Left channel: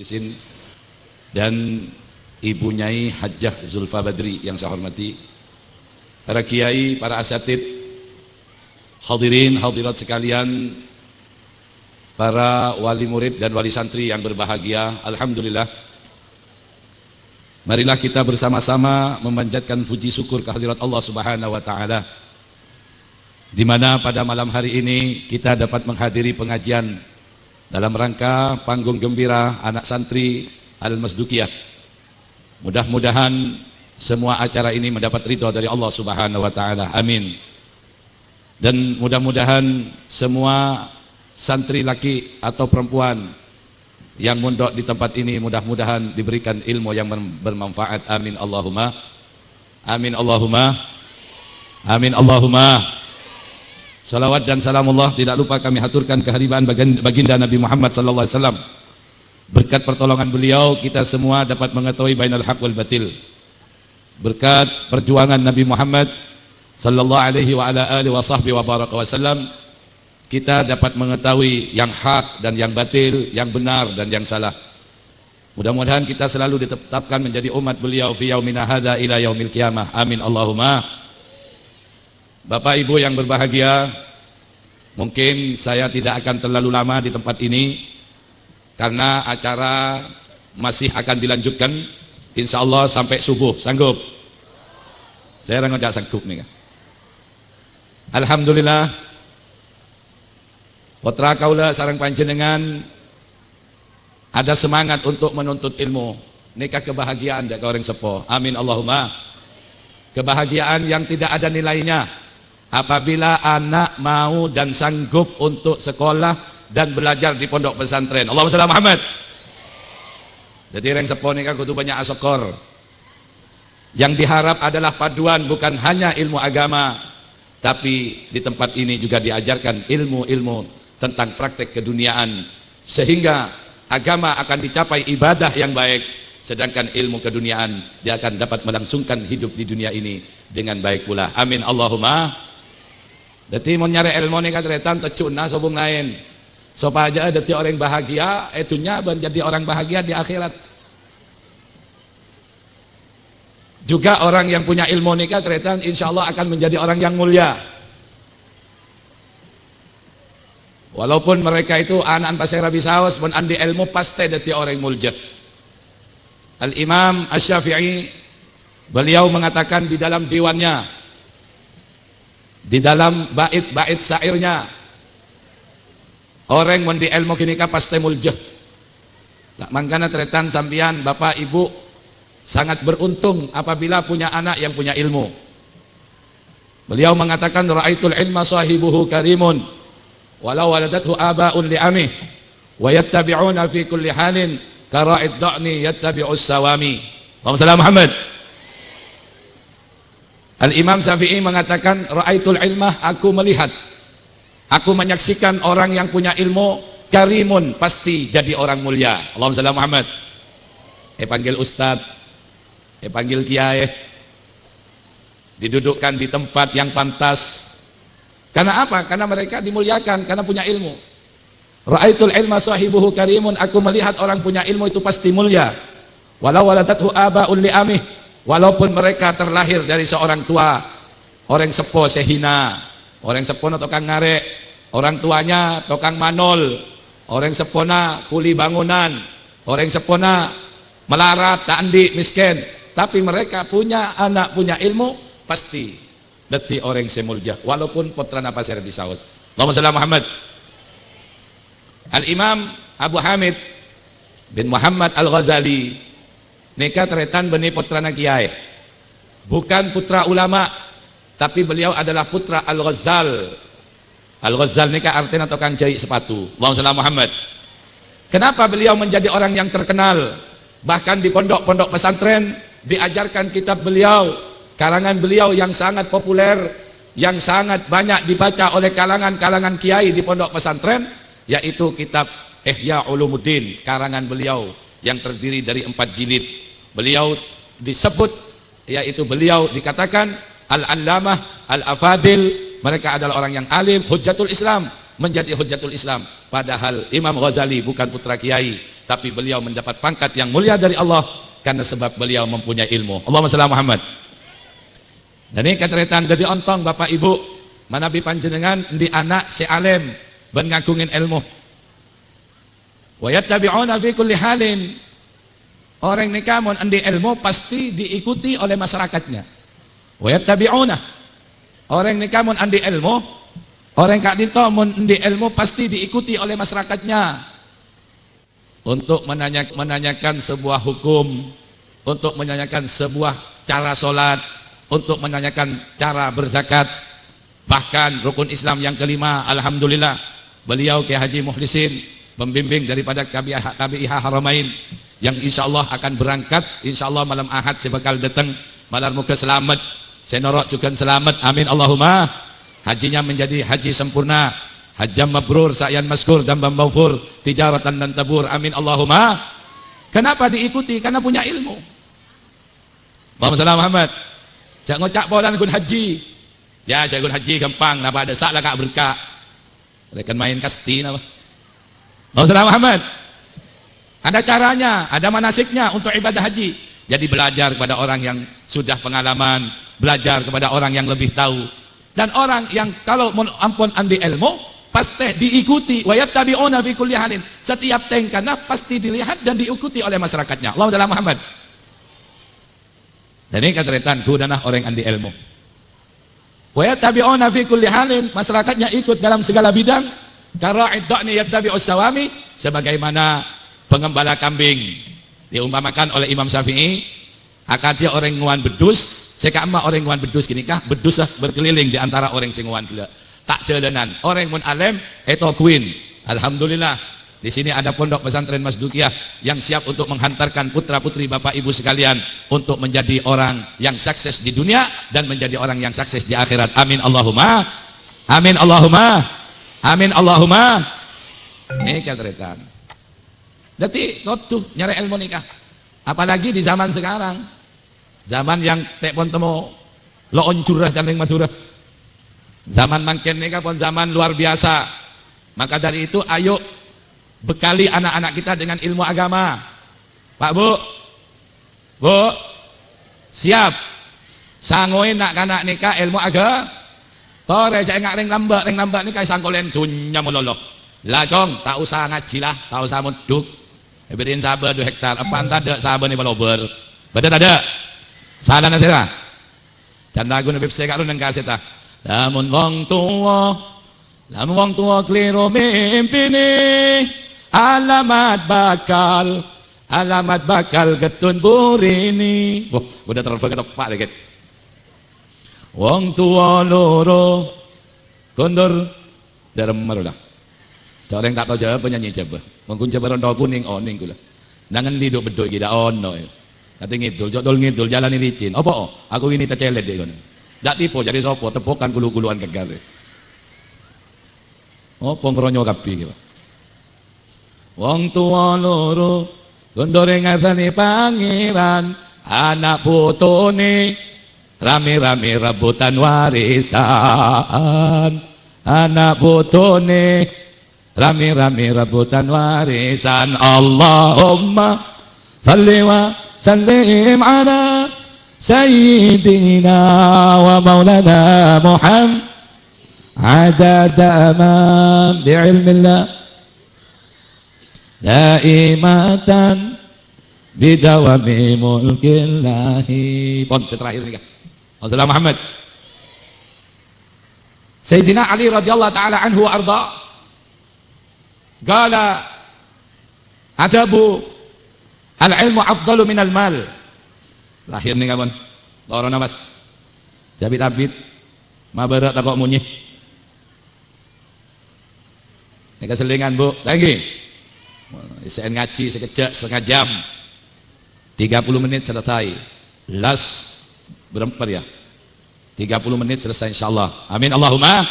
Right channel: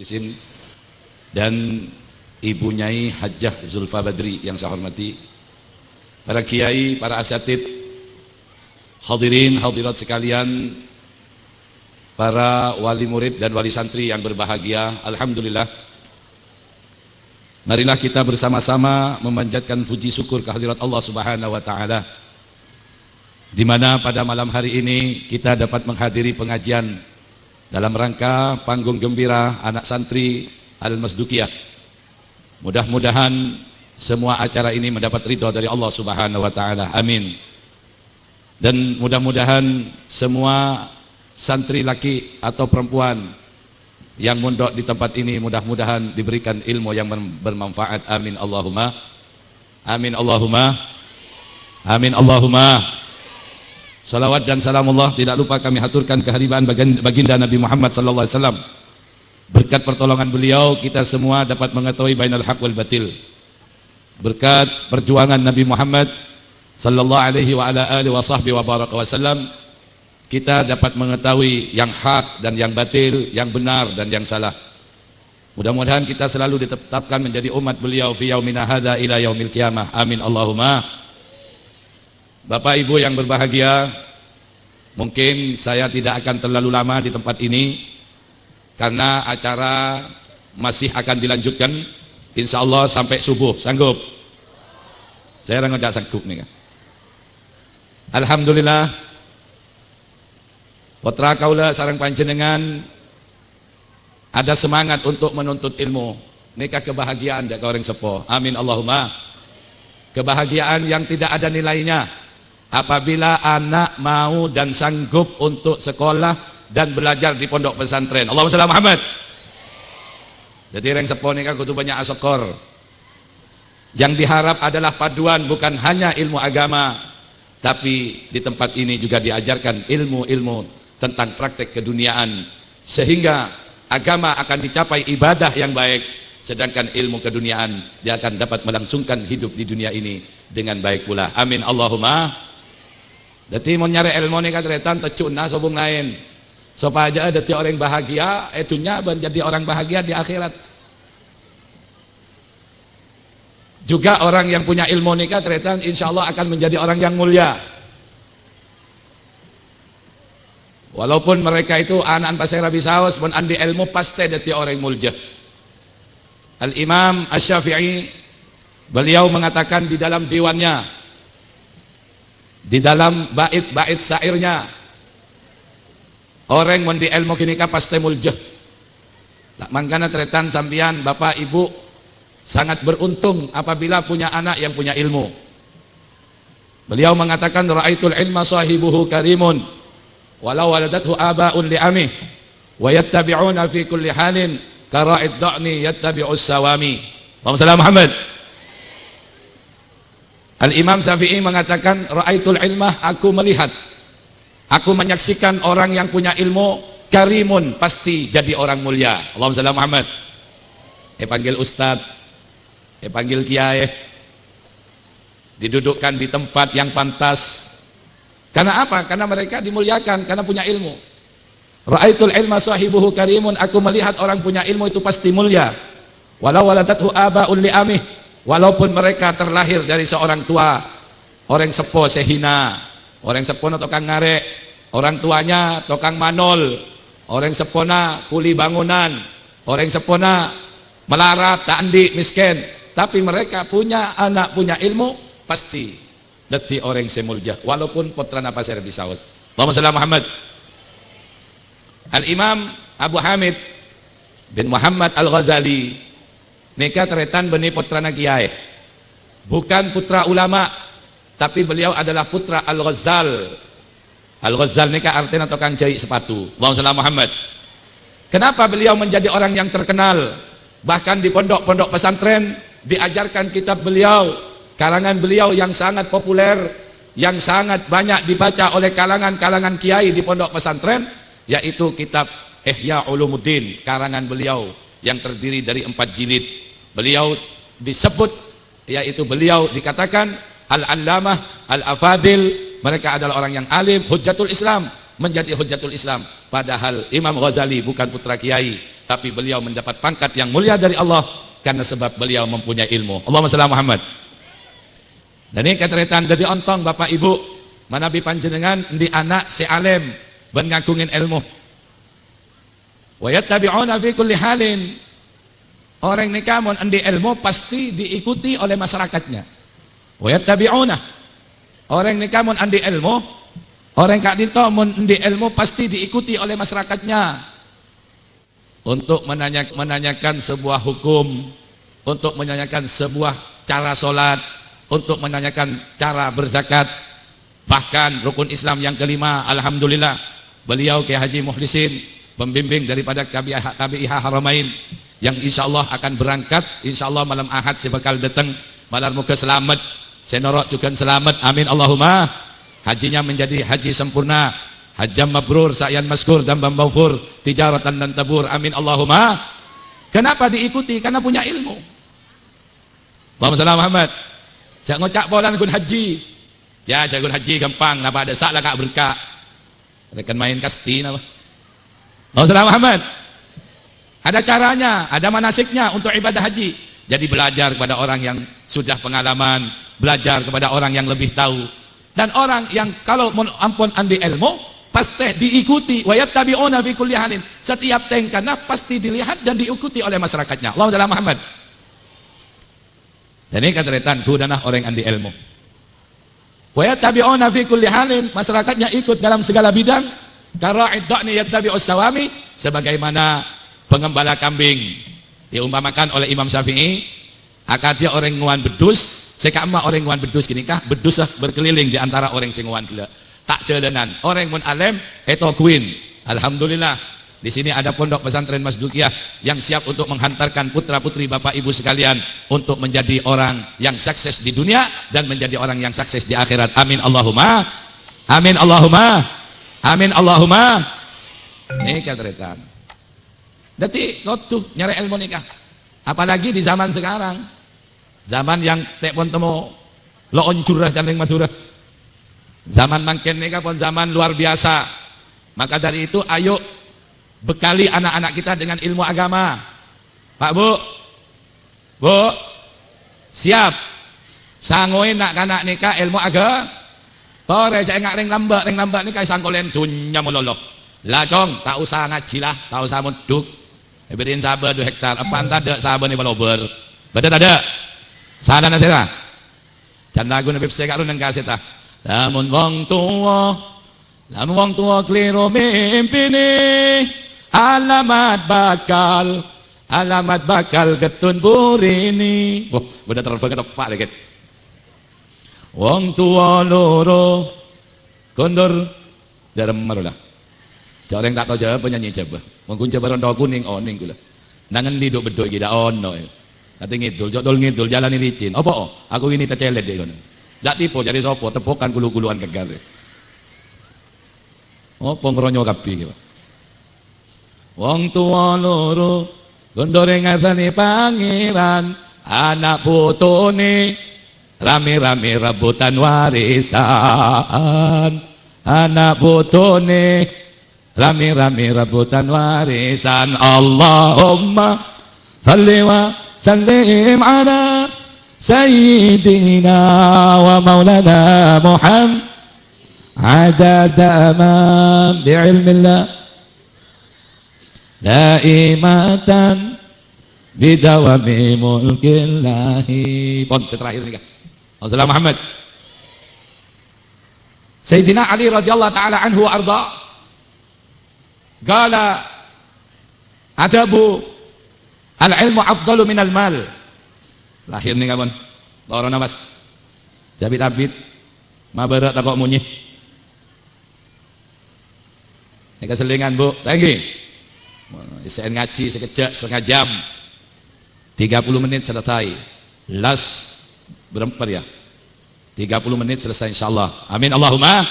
di sini, dan Ibu Nyai Hajjah Zulfa Badri yang saya hormati, para kiai, para asatid, hadirin hadirat sekalian, para wali murid dan wali santri yang berbahagia. Alhamdulillah, marilah kita bersama-sama memanjatkan puji syukur kehadirat Allah Subhanahu wa taala, di mana pada malam hari ini kita dapat menghadiri pengajian dalam rangka panggung gembira anak santri Al-Masdukiyah. Mudah-mudahan semua acara ini mendapat ridha dari Allah Subhanahu wa taala. Amin. Dan mudah-mudahan semua santri laki atau perempuan yang mondok di tempat ini mudah-mudahan diberikan ilmu yang bermanfaat. Amin Allahumma. Amin Allahumma. Amin Allahumma. Salawat dan salamullah tidak lupa kami haturkan kehadiran baginda Nabi Muhammad SAW. Berkat pertolongan beliau kita semua dapat mengetahui bainal haq wal batil. Berkat perjuangan Nabi Muhammad sallallahu alaihi wa ala alihi wa sahbihi wa baraka wasallam, kita dapat mengetahui yang hak dan yang batil, yang benar dan yang salah. Mudah-mudahan kita selalu ditetapkan menjadi umat beliau fi yaumina hadza ila yaumil qiyamah. Amin Allahumma. Bapak Ibu yang berbahagia, mungkin saya tidak akan terlalu lama di tempat ini karena acara masih akan dilanjutkan insya Allah sampai subuh. Sanggup? Saya orang tidak sanggup nih. Alhamdulillah, putra kaula sareng panjenengan ada semangat untuk menuntut ilmu. Nikah kebahagiaan dak orang sepuh. Amin Allahumma. Kebahagiaan yang tidak ada nilainya apabila anak mau dan sanggup untuk sekolah dan belajar di pondok pesantren. Allahumma shalli ala Muhammad. Jadi yang sepuh nikah kudu banyak asyukur. Yang diharap adalah paduan bukan hanya ilmu agama, tapi di tempat ini juga diajarkan ilmu-ilmu tentang praktek keduniaan, sehingga agama akan dicapai ibadah yang baik, sedangkan ilmu keduniaan dia akan dapat melangsungkan hidup di dunia ini dengan baik pula. Amin Allahumma. Jadi mau nyari ilmu ini kan retan tecuna sobung lain. Supaya jadi orang bahagia, itunya menjadi orang bahagia di akhirat. Juga orang yang punya ilmu nikah retan insya Allah akan menjadi orang yang mulia. Walaupun mereka itu anak pasir Rabi Saus pun andi ilmu pasti jadi orang mulia. Al-Imam Asy-Syafi'i beliau mengatakan di dalam diwannya, di dalam bait-bait syairnya, orang yang di ilmu kini pasti mulia. Tak mangkana tretan sambian bapak ibu sangat beruntung apabila punya anak yang punya ilmu. Beliau mengatakan ra'aitul ilma sahibuhu karimun walau waladathu aba'un li'amih wa yattabi'una fi kulli halin kara'id da'ni yattabi'us sawami. Allahumma Muhammad. Al-Imam Syafi'i mengatakan ra'aitul ilmah, aku melihat, aku menyaksikan orang yang punya ilmu karimun, pasti jadi orang mulia. Allahumma shalli Muhammad. Panggil ustaz, panggil kiai, didudukkan di tempat yang pantas. Karena apa? Karena mereka dimuliakan, karena punya ilmu. Ra'aitul ilma sahibuhu karimun, aku melihat orang punya ilmu itu pasti mulia. Walau waladathu aba'un li'amih, walaupun mereka terlahir dari seorang tua, orang sepuh sehina, orang sepuh tukang ngarek, orang tuanya tukang manol, orang sepuhna kuli bangunan, orang sepuhna melarat, tandi, miskin, tapi mereka punya anak, punya ilmu, pasti deti orang semulja, walaupun putra napa saya disaus. Allahumma shalli Muhammad. Al-Imam Abu Hamid bin Muhammad Al-Ghazali nikah teretan meni putra kiai, bukan putra ulama, tapi beliau adalah putra Al-Ghazal. Al-Ghazal nikah artinya tukang jahit sepatu. Allahumma Muhammad. Kenapa beliau menjadi orang yang terkenal? Bahkan di pondok-pondok pesantren diajarkan kitab beliau, karangan beliau yang sangat populer, yang sangat banyak dibaca oleh kalangan kiai di pondok pesantren, yaitu kitab Ihya Ulumuddin, karangan beliau yang terdiri dari 4 jilid. Beliau disebut, yaitu beliau dikatakan Al-Allamah, Al-Afadil, mereka adalah orang yang alim, Hujjatul Islam, menjadi Hujjatul Islam. Padahal Imam Ghazali bukan putra kiai, tapi beliau mendapat pangkat yang mulia dari Allah karena sebab beliau mempunyai ilmu. Allahumma shalli ala Muhammad. Dan ini kataritan dari ontong Bapak Ibu manabi panjenengan di anak si alim bengangkungin ilmu. Wa yattabi'una fi kulli halin. Orang ini kamu andi ilmu pasti diikuti oleh masyarakatnya. Wa yattabi'una. Orang ini kamu andi ilmu, orang kak dito andi ilmu pasti diikuti oleh masyarakatnya. Untuk menanyakan sebuah hukum, untuk menanyakan sebuah cara sholat, untuk menanyakan cara berzakat, bahkan rukun Islam yang kelima, alhamdulillah beliau Kiai Haji Muhlisin, pembimbing daripada KBIH Haramain, yang insya Allah akan berangkat, insya Allah malam Ahad saya bakal datang, malam muka selamat, saya norok juga selamat, amin Allahumma. Hajinya menjadi haji sempurna, hajjam mabrur, sa'yan maskur, tambam maufur, tijaratan dan tabur, amin Allahumma. Kenapa diikuti? Karena punya ilmu. Allahumma Muhammad. Jangan cak bolan kun haji. Ya, jangan haji gampang, napa ada salah kak berkah. Mereka main kasti napa. Allahumma Muhammad. Ada caranya, ada manasiknya untuk ibadah haji. Jadi belajar kepada orang yang sudah pengalaman, belajar kepada orang yang lebih tahu. Dan orang yang kalau ampun andi ilmu pasti diikuti, wa yattabi'una fi kulli halin. Setiap tingkahnya pasti dilihat dan diikuti oleh masyarakatnya. Allahumma Muhammad. Jadi kataritan kudanah orang andi ilmu. Wa yattabi'una fi kulli halin, masyarakatnya ikut dalam segala bidang. Karena idda'ni yattabi'us sawami, sebagaimana pengembala kambing diumpamakan oleh Imam Syafi'i, akadnya orang nguan bedus, sekama orang nguan bedus gini kah, bedus lah berkeliling di antara orang sing nguan gila. Tak jalanan, orang mun alim, eko kuin. Alhamdulillah, di sini ada pondok pesantren Mas Dukiah yang siap untuk menghantarkan putra-putri Bapak Ibu sekalian untuk menjadi orang yang sukses di dunia dan menjadi orang yang sukses di akhirat. Amin Allahumma. Amin Allahumma. Amin Allahumma. Ini kataritan. Jadi kau tuh nyari ilmu nikah. Apalagi di zaman sekarang, zaman yang tepon temu lo oncurah cantik madura. Zaman mangken nikah pun zaman luar biasa. Maka dari itu ayo bekali anak-anak kita dengan ilmu agama. Pak Bu, Bu, siap. Sangoin nak kanak nikah ilmu agama. Tore jangan neng nambah nikah sangkulen dunya mololok. Lakom tak usah ngaji lah, tak usah muduk. Beriin sabar 2 hektar. Apa anda ada sabar nih malober? Badan ada. Sana nasira. Can lagu nabi saya karun nang kaseta. Lamun wong tua kliro mimpi ni. Alamat bakal ketun burini. Wah, udah terlalu ketok dikit. Wong tua loro kondor dalam marulah. Cara yang tak tahu jawab penyanyi siapa. Mungkin coba roda kuning oning gula. Jangan hidup betul kita ono. Nanti ngidul, jodol ngidul, jalan licin. Apa? Aku ini tercelet deh kono. Tak tipu jadi sopo, tepukan gulu-guluan gagal. Oh, pengronyo kapi gitu. Wong tua loro, gondore ngasani pangeran, anak putune, rame-rame rebutan warisan, anak putune. Rame-rame rebutan warisan. Allahumma salli wa sallim ala sayyidina wa maulana Muhammad adada ma bi'ilmillah daimatan bidawami mulkillahi. Pon terakhir nih. Assalamualaikum Muhammad. Sayyidina Ali radhiyallahu taala anhu wa arda. Qala adabu al-ilmu afdalu minal mal. Lahir nih kawan. Loro namas. Jabit-abit mabarak takok munyih. Ini keselingan Bu. Lagi. Saya ngaji sekejap setengah jam. 30 menit selesai. Las berempat ya. 30 menit selesai insyaallah. Amin Allahumma.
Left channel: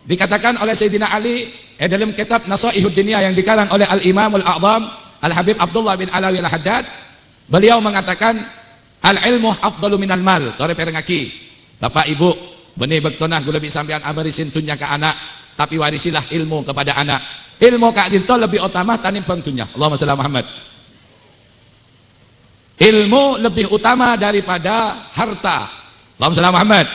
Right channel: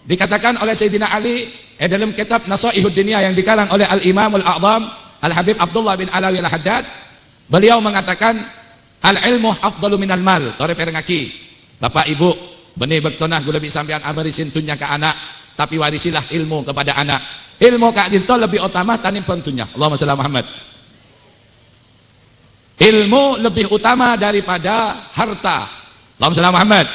Dikatakan oleh Sayyidina Ali dalam kitab Nasaihud Dunia yang dikarang oleh Al-Imam Al-A'zam Al-Habib Abdullah bin Alawi Al-Haddad, beliau mengatakan al-ilmu afdalu minal mal. Tore perengaki Bapak Ibu benih bektonah gula sampean abarisin dunya ke anak, tapi warisilah ilmu kepada anak. Ilmu kak dinto lebih utama tanimbang dunia. Allahumma shalli ala Muhammad. Ilmu lebih utama daripada harta. Allahumma shalli ala Muhammad.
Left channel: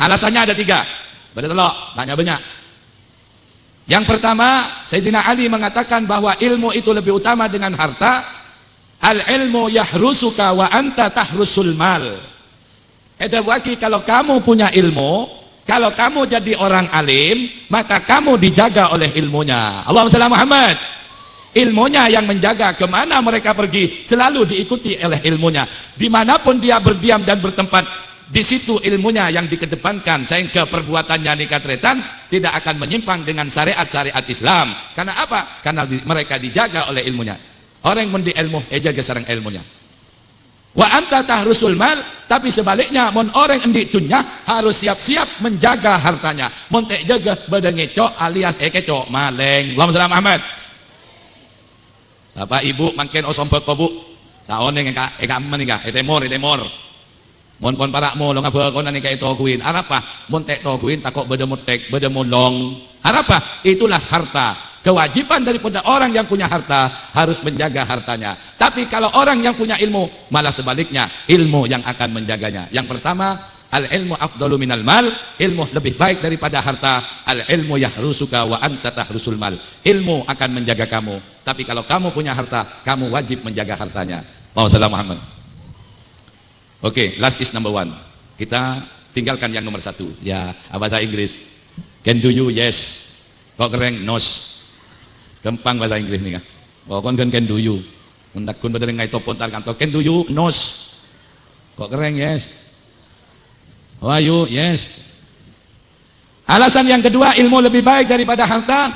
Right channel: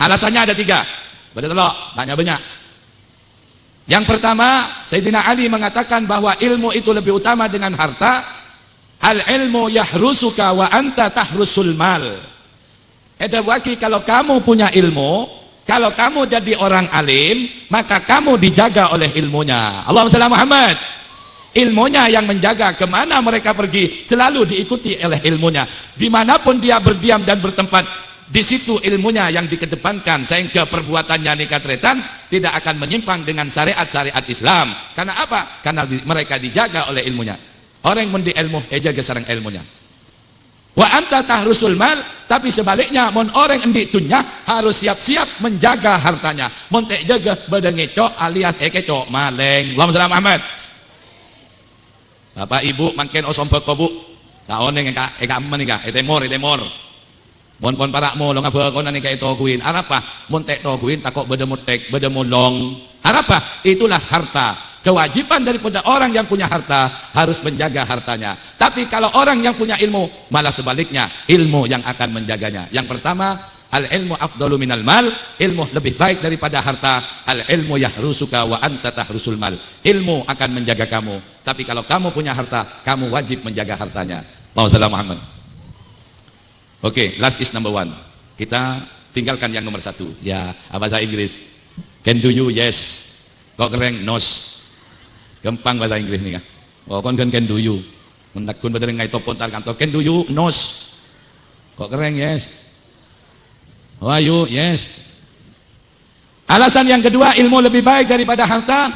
Alasannya ada 3. Benar tak? Tanya banyak. Yang pertama, Sayyidina Ali mengatakan bahwa ilmu itu lebih utama dengan harta. Al-ilmu yahrusuka wa anta tahrusul mal. Itu berarti kalau kamu punya ilmu, kalau kamu jadi orang alim, maka kamu dijaga oleh ilmunya. Allahumma shalli ala Muhammad. Ilmunya yang menjaga kemana mereka pergi, selalu diikuti oleh ilmunya. Dimanapun dia berdiam dan bertempat, di situ ilmunya yang dikedepankan, sehingga perbuatannya nikatretan tidak akan menyimpang dengan syariat-syariat Islam. Karena apa? Karena mereka dijaga oleh ilmunya. Orang yang di ilmu, jaga sarang ilmunya. Wa anta tahrusul mal, tapi sebaliknya mon orang yang di dunia harus siap-siap menjaga hartanya. Mon tak jaga badan ngecok alias ekecok maling. Allahumma shalli ala Muhammad. Bapak ibu makin osom berkobu. Nah oneng ka ekaman ka etemor. Mon para mo lo ngaba ko nani kay tokuin. Harapa mon tek tokuin takok bedemut tek bedemut long. Harapa itulah harta. Kewajiban daripada orang yang punya harta harus menjaga hartanya. Tapi kalau orang yang punya ilmu malah sebaliknya, ilmu yang akan menjaganya. Yang pertama, al-ilmu afdalu minal mal, ilmu lebih baik daripada harta. Al-ilmu yahrusuka wa anta tahrusul mal. Ilmu akan menjaga kamu. Tapi kalau kamu punya harta, kamu wajib menjaga hartanya. Muhammad. Oke, last is number 1. Kita tinggalkan yang nomor 1. Ya, bahasa Inggris. Can do you? Yes. Kok keren? Nos. Gampang bahasa Inggris nih ya. Kok can do you? Mendakun betul ngai topon tar kantor. Can do you? Nos. Kok keren? Yes. Oh ayo, yes. Alasan yang kedua, ilmu lebih baik daripada harta.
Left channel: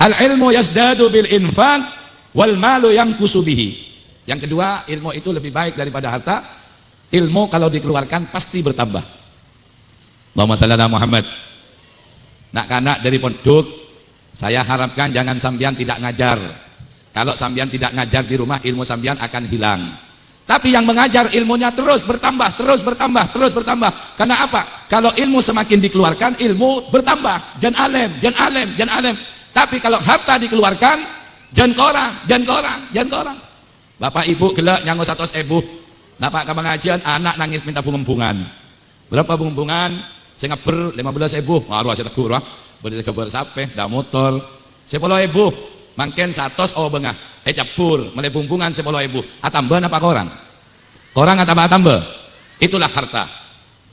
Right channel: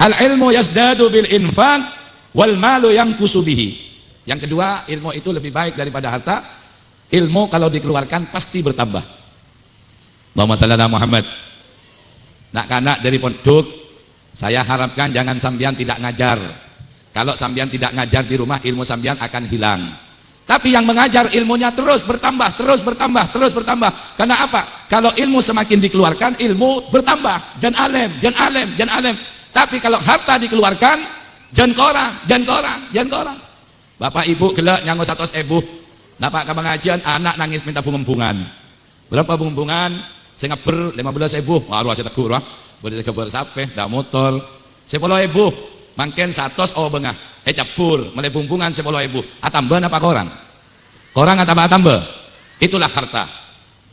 Al-ilmu yazdadu bil infaq wal malu yanqusu bihi. Yang kedua, ilmu itu lebih baik daripada harta. Ilmu kalau dikeluarkan pasti bertambah. Allahumma shalli ala Muhammad. Nak kanak dari pondok, saya harapkan jangan sambian tidak ngajar. Kalau sambian tidak ngajar di rumah, ilmu sambian akan hilang. Tapi yang mengajar ilmunya terus bertambah. Karena apa? Kalau ilmu semakin dikeluarkan, ilmu bertambah. Jan alim. Tapi kalau harta dikeluarkan, jan korang. Bapak ibu gelak nyango 100.000. Bapak ke pengajian, anak nangis minta pengumpungan. Berapa pengumpungan? Saya ngeber 15.000. Wah, luas tegur wah. Bener keber sampai dah motor. 10.000. Mungkin 100 bengah. Cabur, mulai pengumpungan 10.000. Tambah apa korang? Korang tambah. Itulah harta.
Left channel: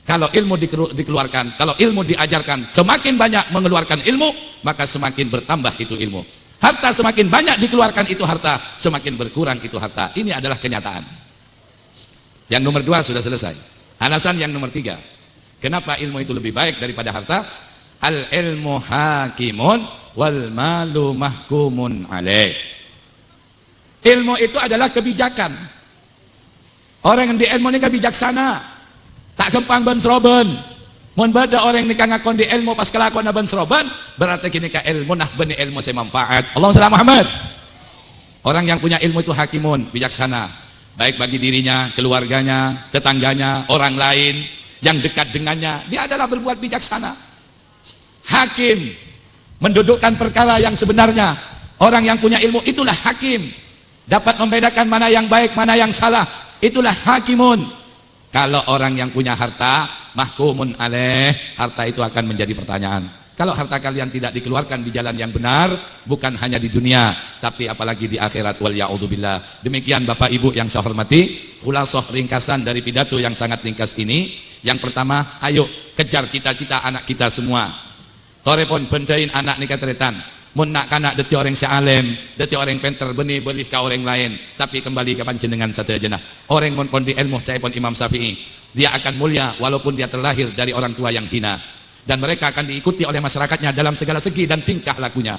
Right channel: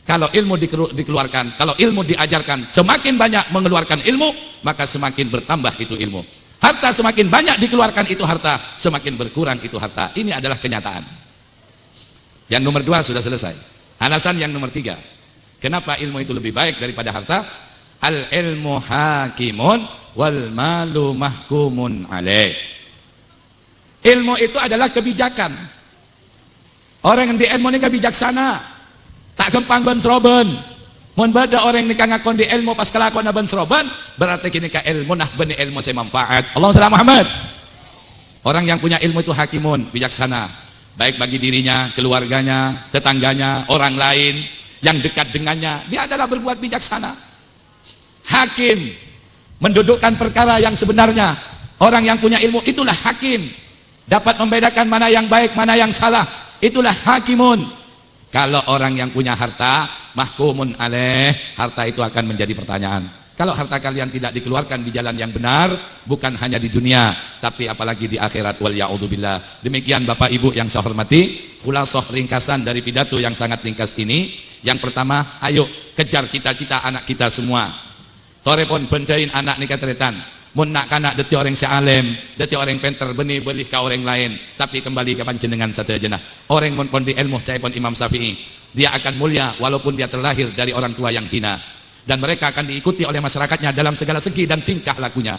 Kalau ilmu dikeluarkan, kalau ilmu diajarkan, semakin banyak mengeluarkan ilmu, maka semakin bertambah itu ilmu. Harta semakin banyak dikeluarkan itu harta, semakin berkurang itu harta. Ini adalah kenyataan. Yang nomor 2 sudah selesai. Alasan yang nomor 3. Kenapa ilmu itu lebih baik daripada harta? Al-ilmu hakimun wal malu mahkumun alaih. Ilmu itu adalah kebijakan. Orang yang di ilmu ini bijaksana. Tak gampang bensroben. Mun bada orang yang ngakon di ilmu pas kelakon bensroben, berarti kini ka ilmu nah benih ilmu saya manfaat. Allahumma shalli Muhammad. Orang yang punya ilmu itu hakimun, bijaksana. Baik bagi dirinya, keluarganya, tetangganya, orang lain yang dekat dengannya, dia adalah berbuat bijaksana. Hakim mendudukkan perkara yang sebenarnya. Orang yang punya ilmu itulah hakim, dapat membedakan mana yang baik, mana yang salah. Itulah hakimun. Kalau orang yang punya harta, mahkumun alaih, harta itu akan menjadi pertanyaan. Kalau harta kalian tidak dikeluarkan di jalan yang benar, bukan hanya di dunia, tapi apalagi di akhirat, wal ya'udzubillah. Demikian Bapak Ibu yang saya hormati, khulasah ringkasan dari pidato yang sangat ringkas ini. Yang pertama, ayo kejar cita-cita anak kita semua. Horepon bendain anak nikah teretan. Mun nak kanak deti orang si alim, deti orang pintar, benih-benih ka orang lain. Tapi kembali ke panjenengan satu jenah. Orang mun pon di ilmu, cai pon Imam Syafi'i. Dia akan mulia walaupun dia terlahir dari orang tua yang hina. Dan mereka akan diikuti oleh masyarakatnya dalam segala segi dan tingkah lakunya.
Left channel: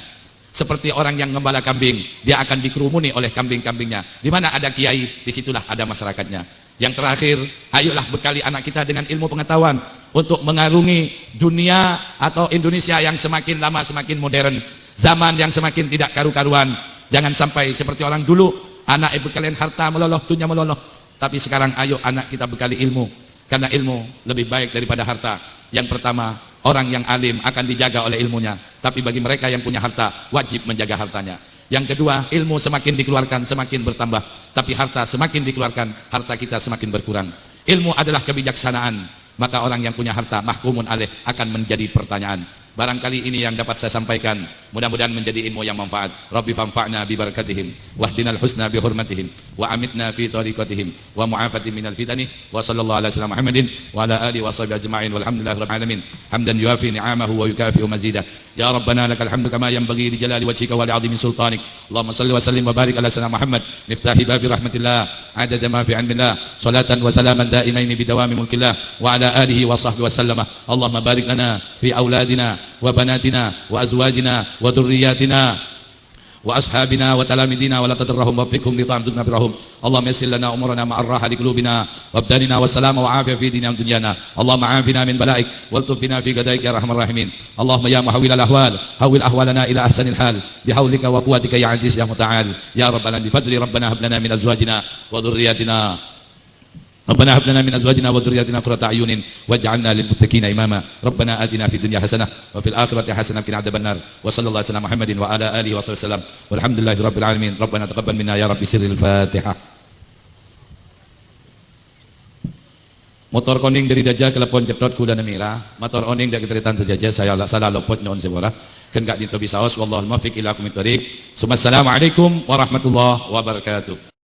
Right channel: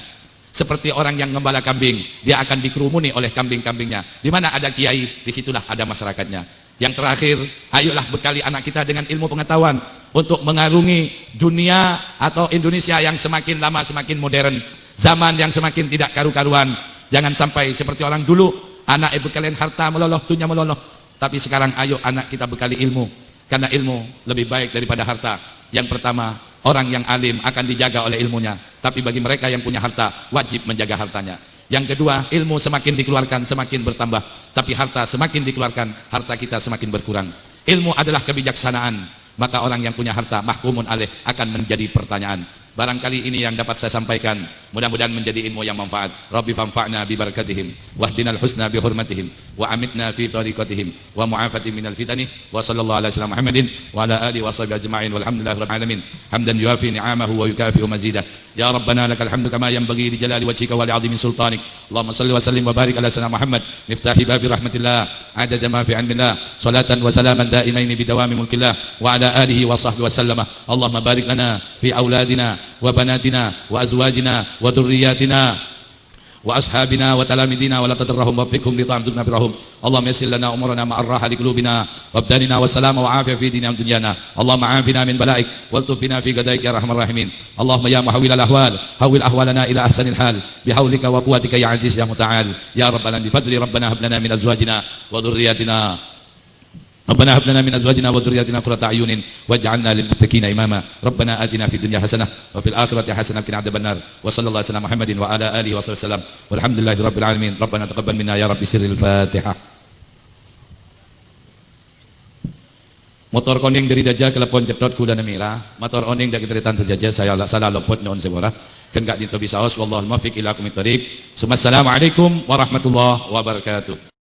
Seperti orang yang gembala kambing, dia akan dikerumuni oleh kambing-kambingnya. Di mana ada kiai, disitulah ada masyarakatnya. Yang terakhir, ayolah bekali anak kita dengan ilmu pengetahuan untuk mengarungi dunia atau Indonesia yang semakin lama semakin modern, zaman yang semakin tidak karu-karuan. Jangan sampai seperti orang dulu, anak ibu kalian harta meloloh, dunia meloloh. Tapi sekarang ayo anak kita bekali ilmu, karena ilmu lebih baik daripada harta. Yang pertama, Orang yang alim akan dijaga oleh ilmunya, tapi bagi mereka yang punya harta, wajib menjaga hartanya. Yang kedua, ilmu semakin dikeluarkan semakin bertambah, tapi harta semakin dikeluarkan, harta kita semakin berkurang. Ilmu adalah kebijaksanaan, maka orang yang punya harta mahkumun alaih akan menjadi pertanyaan. Barangkali ini yang dapat saya sampaikan, mudah-mudahan menjadi ilmu yang manfaat. Rabbi fanfa'na bi barakatihim wahdinal husna bi hurmatihim wa amitna fi tariqatihim wa mu'afatihim minal fitani wa sallallahu ala sayyidina Muhammadin wa ala alihi wa sahbihi ajma'in walhamdulillahi rabbil alamin hamdan yuafi ni'amahu wa yukafi'u mazidah. Ya Rabbana lakal hamdu kama yanbaghi li jalali wajhika wa li 'azimi sultanik. Allahumma salli wa sallim wa barik ala sayyidina Muhammad miftahi babi rahmatillah adada ma fi 'ilmillah salatan wa salaman da'imain bi dawami mulkillah wa ala alihi wa sahbihi wa sallama. Allahumma barik lana fi auladina وبناتنا وأزواجنا وذرياتنا وأصحابنا وتلاميذنا ولا تضرهم وفقهم لطاعتك برهم. اللهم يسر لنا أمورنا مع الراحة لقلوبنا وابدالنا والسلام وعافية في ديننا ودنيانا. اللهم عافنا من بلائك والطف بنا في قضائك يا أرحم الراحمين. اللهم يا محول الأحوال حول أحوالنا إلى أحسن الحال بحولك وقوتك يا عزيز يا متعال. يا ربنا بفضل ربنا هب لنا من أزواجنا وذرياتنا ربنا هب لنا من ازواجنا وذرياتنا قرة اعين واجعلنا للمتقين اماما. ربنا اتنا في الدنيا حسنه وفي الاخره حسنه وقنا عذاب النار. وصلى الله على محمد وعلى اله وصحبه وسلم والحمد لله رب العالمين. ربنا تقبل منا يا رب سر الفاتحه. Motor koning dari Dajjal kelepon jeprot kuda namila. Motor oning dari teritan saja saya salah luput non sebora. Kan gak dito bisaos. Wallahul muwaffiq ila aqwamit thoriq. Assalamualaikum warahmatullahi wabarakatuh.